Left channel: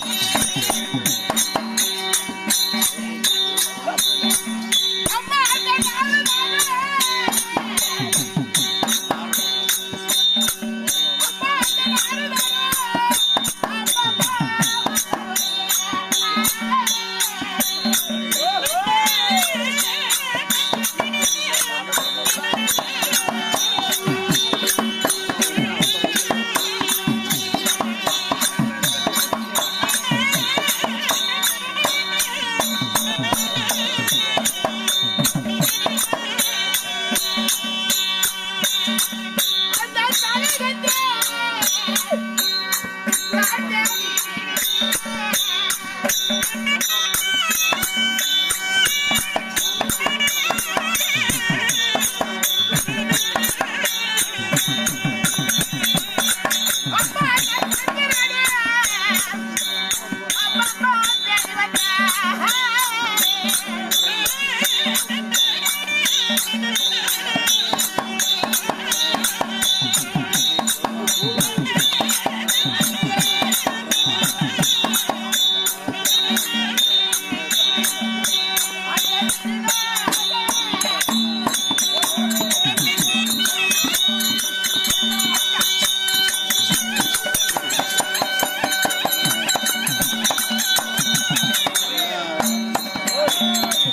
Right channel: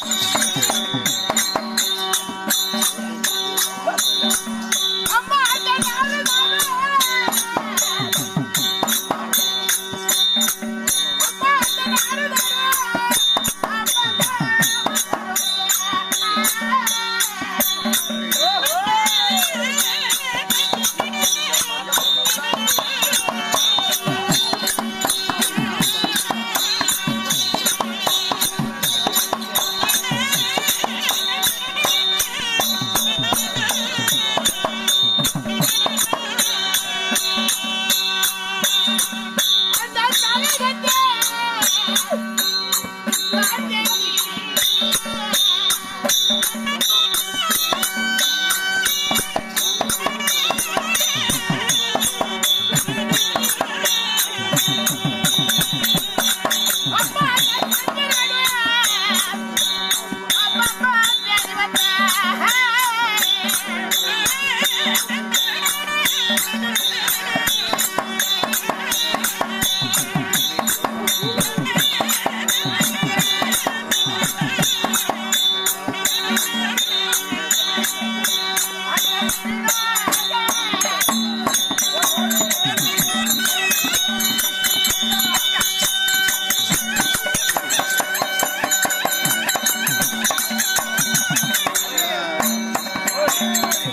Música Bye,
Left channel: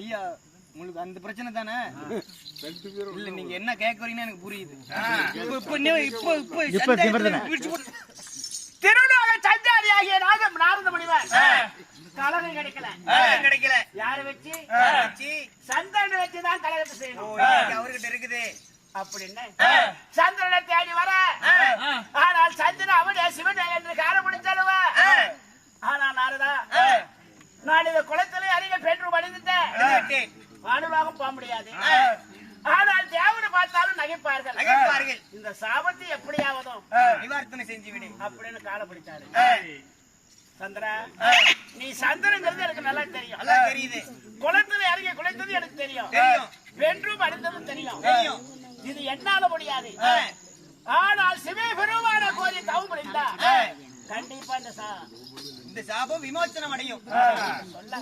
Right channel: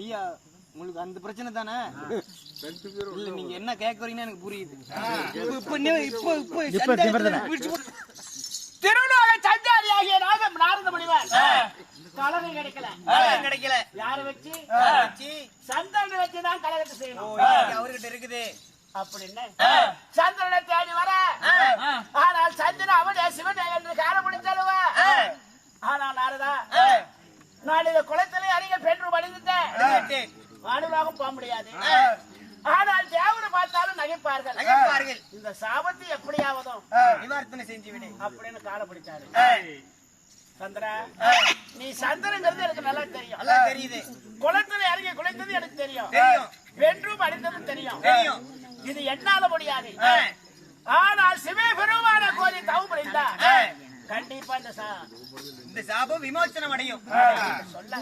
ஐயா உங்களுக்கு அந்த பிரச்சனை தானே? இல்ல நீங்க என்ன கேக்குறீங்கன்னு எனக்கு புரியுது. இப்போ இப்போ இப்போ திருநாள சந்தாரியாகிய நாதம் நாரத முனிவர். கலகம் கிடைக்கல. கலகம் கிடைக்கல. யார வச்சு? வச்சு, சந்திரனை வச்சுதான் கலகத்தை செய்யணும். அவர்கிட்ட இருக்குது. அப்படின்னு? சந்திரனை தேடி வர. ஆனால் சந்திரன் அவனே சிவன் என்று காலம் முடிச்சலுவ ஆனால் நாரதா நான் இந்த குளத்திலே அறிய பெற்று அடிபட்டேன். வானுலாகம் போக முடியாது. ஆனால் தேவனை பார்த்தாலும் நகைப்பார்கள். நகைப்பார்கள். இந்த சாபத்தை எப்படியாவதும் நிவார்த்தனை செஞ்சு விடு. அப்படின்னு கால பிடிச்சாரு. சந்திரா நீ சந்திரங்கிறது எனக்கு நல்லா தெரியும். நல்லா தெரியுது. குளத்துல இறங்கி குளித்தது எனக்கு தெரியும். வென்றும் அடித்ததும் தெரியும். தெரியும். இது என்னால முடியாது. ஆனால் சிவே பெருமான கோரி தவம் புரிந்தா? கண்டிப்பா இந்த சாபம் விமோசனம் அடையும் சொல்ல.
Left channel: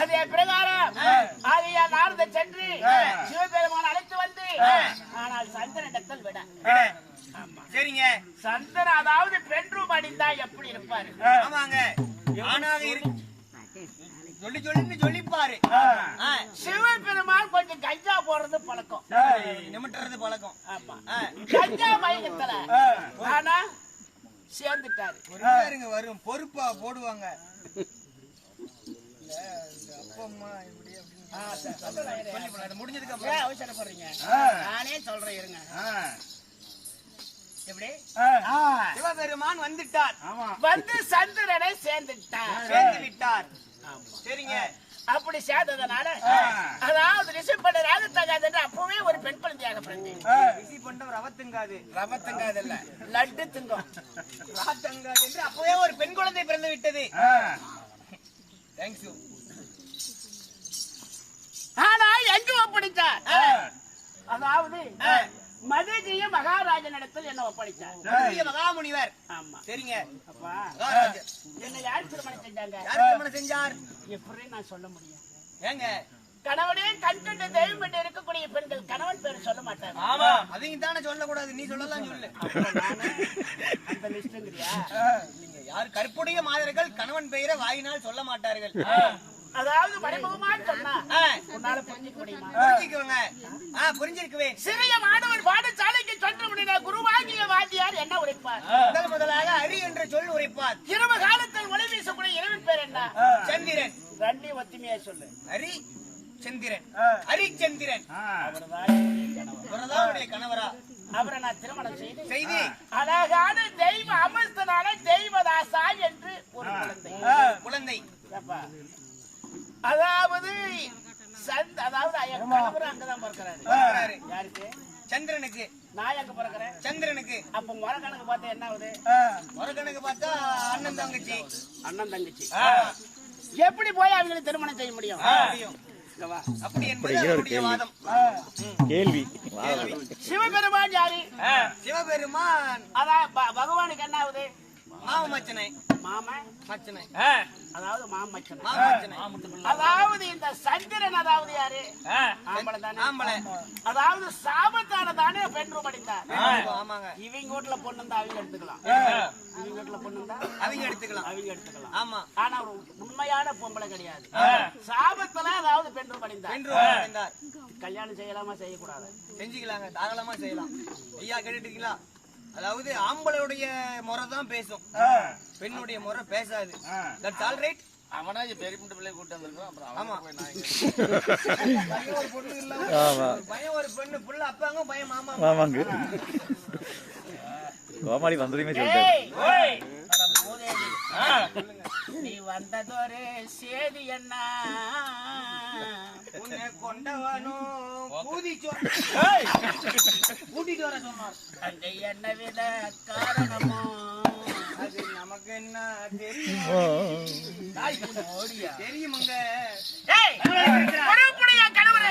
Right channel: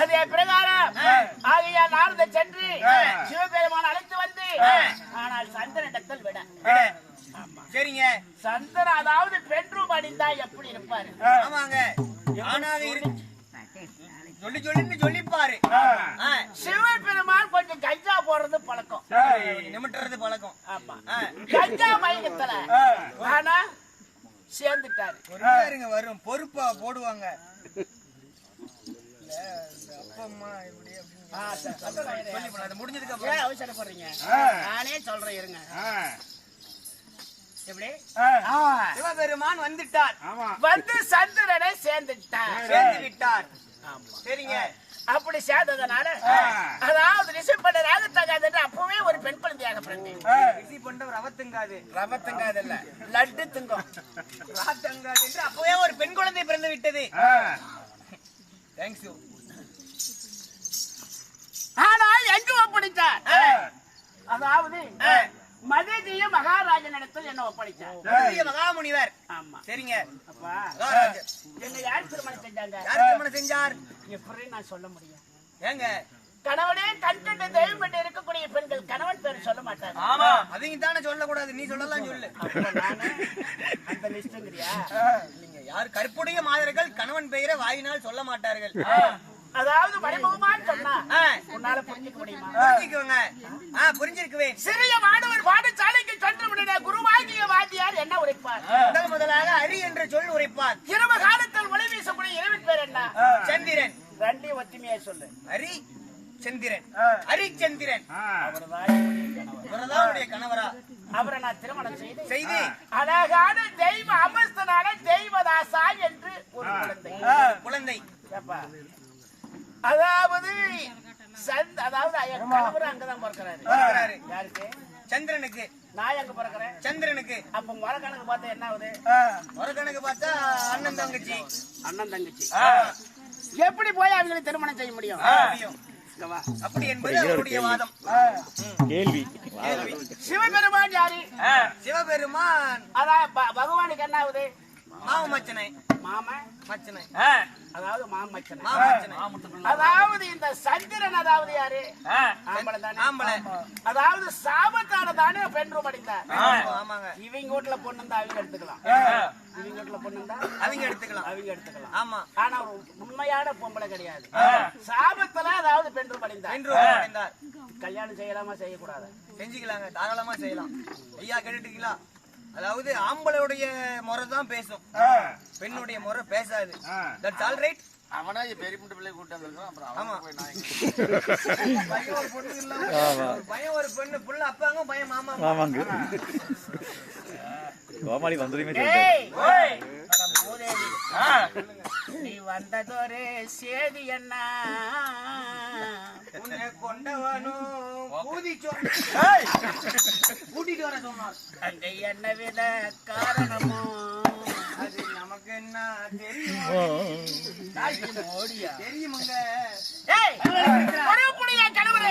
அதே பிரகாரம் ஆகையா நாரத சென்று சிவபெருமான் அழைத்து வந்து ஆனால் சந்திரனிடத்தில் விட விடு. ஆமா சரிங்க சந்திரன் அதாவது பெண்ணும் அடிந்தா எப்படி இருப்பாரு ஆமாங்க ஆணாக இரு சொல்லி சொல்லின்னு சொல்லிப்பாரு. ஆ, சிவபெருமான் கொஞ்சம் கஞ்சா போடுறது பழக்கம். நிமிட்டுறது பழக்கம். ஆமா. கஞ்சா மயக்கத்துல ஆனா சேர்ந்துட்டாரு. ஒரு பேருங்க வரும். பொறுப்பா போடுவாங்க. இல்ல, இந்த அப்பா அம்மா இப்படி அப்படின்னு முடிஞ்சதுக்கு அப்புறம். அவசரப்படுறீங்க நானே சொல்றேன் இருங்க. எப்படி? சிவபெருமான் வந்துட்டார். வந்து சந்திரனை சேர்ந்துட்டார். சேர்ந்து விட்டார். சரிங்க. அப்படி சேர்ந்ததுனால அதாவது ரிஷப் பண்ண ராகத்தகாது என்று அப்பவே ஒரு பெண் குழந்தையாக பிறந்தேன். ரிஷி பண்டவர் அவத்துங்காது. ரவத்தங்காது இல்ல லட்டு திங்கும். ராத்தங்காது என்று அப்பவே ஒரு பெண் குழந்தை பிறந்து விட்டது. தேங்க்ஸ் யூ ஆனா எங்க ஒப்படைத்தார் அதாவது மதுரையும் மகாராஜன் இடத்தில் என்ன ஒப்படைச்சார். மகாமுனிவர். ஆமா. சரிங்க. அப்பா. என்ன யார் திருமணம் செஞ்சாங்க? யார் திருமணம் செஞ்சார்? எப்படி நான் சொல்ல முடியும் ஏங்க? கணவனே கண் கண்டு தெய்வம் என்று இருக்கக்கூடிய பெண்கள் கணவன் பேர் சொல்ல மாட்டாங்க. ஆமா. அவங்க தானே சொல்லக்கூடாது. நீ சொல்லலாம் சொல்லு. அந்த லிஸ்ட்ங்கிறியா இல்லைங்க. யார் கற்புடைய மாதர்கள் கணவன் பெயரை வாயினால் சொல்ல மாட்டார்கள். அதாவது மறைமுகமா சொன்னா உன்னால புரிஞ்சுக்க முடியுமா? புரிஞ்சுக்குவேங்க. ஆ புரிஞ்சிருக்குவேன். சிறிய மாணவர் பாடசாலைக்கு சென்று விடுங்க குருவாகிய வாத்தியார் என்ன உரைப்பார்? முதல் முதலாக அரி என்ற சொல் உரைப்பார். இரவு காலத்தில் ஒளி வீசக்கூடிய இரவின் பேர் என்ன? சந்திரன். ரெண்டையும் ஒத்துமையா சொல்லு. ஹரி சந்திரன். ஹரிச்சந்திரன் அவர்தான் கணவர். அவரை நான் திருமணம் செய்து செய்தி. அழகான தெய்வ அமஸ்தனான தெய்வதாசா என்று ஒரு குழந்தை. குழந்தை. அதாவது சந்த் அதாவது என் கணவர் அங்கதான் பிறக்கிறாரு. பிறக்கிறாரு. யாருக்கு? சந்திரனுக்கு. நான் எங்க பிறக்கிறேன்? சந்திரனுக்கு. அப்ப முறை கணக்கு பார்த்தா என்ன ஆகுது? ஒரு கணக்கு பார்த்தா அண்ணன் தங்கச்சி. அண்ணன் தங்கச்சி. எப்படி போய் அவங்களுக்கு திருமணம் செய்ய முடியும்? முடியும். இங்க வா. அப்படி என்பது அவருடைய வாதம். கேள்வி. சிவபெருமான் யாரு? சிவபெருமான். அதான் ப- பகவானுக்கு என்ன ஆகுது? மாவு மச்சனை. மாமன் மச்சனை அதாவது மாமச்சன். மாமச்சனை. அதாவது இந்த சந்திரன் அதாவது யாரு? ஆம்பளை தானே? ஆம்பளை. அதாவது சாபத்தான தானே பெண் ரூம் ஆமாங்க. இவங்க வீட்டுல பொண்ணு இருந்தா அவங்க எடுத்துக்கலாம். இவங்க வீட்டுல பொண்ணு இருந்தா அவங்க எடுத்துக்கலாம். அவங்க எடுத்துக்கலாம். ஆமா. ஆனா ஒரு உண்மையான பொம்பளை கிடையாது. சாபத்துல அதாவது பெண் ரூம் அடைந்தார் பெண் அடைந்தார் கல்யாணம் செய்யலாமா செய்யக்கூடாது? செஞ்சுக்கலாங்க. தாராளமா செய்யலாம். ஐயா கேட்டுட்டீங்களா அதாவது ஆம்பளையுடைய முறை தான் பேசும் பெண்ணுடைய முறை பேசாது. தட்ஸ் ஆல் ரைட் அவனா பெரிய முட்டை பிள்ளை கூட்டு வந்திருக்கோம் அப்புறம் ஆமா. பையன் ஒரு பொண்ணு இல்ல. ஒரு பையன் ஒரு பெண்ணு புள்ள அப்பாங்க பையன் மாமா ஆமாங்க கோமாளி வந்ததுமே நீ வந்ததொரு சேதி என்ன உன்னை கொண்டவனும் பூதி கூட்டிட்டு வர சொன்னார். அந்த என்ன வித காரணமோ? அது நமக்கு என்ன தெரியும் மோடியா? தெரியுமாங்க. கணவரை.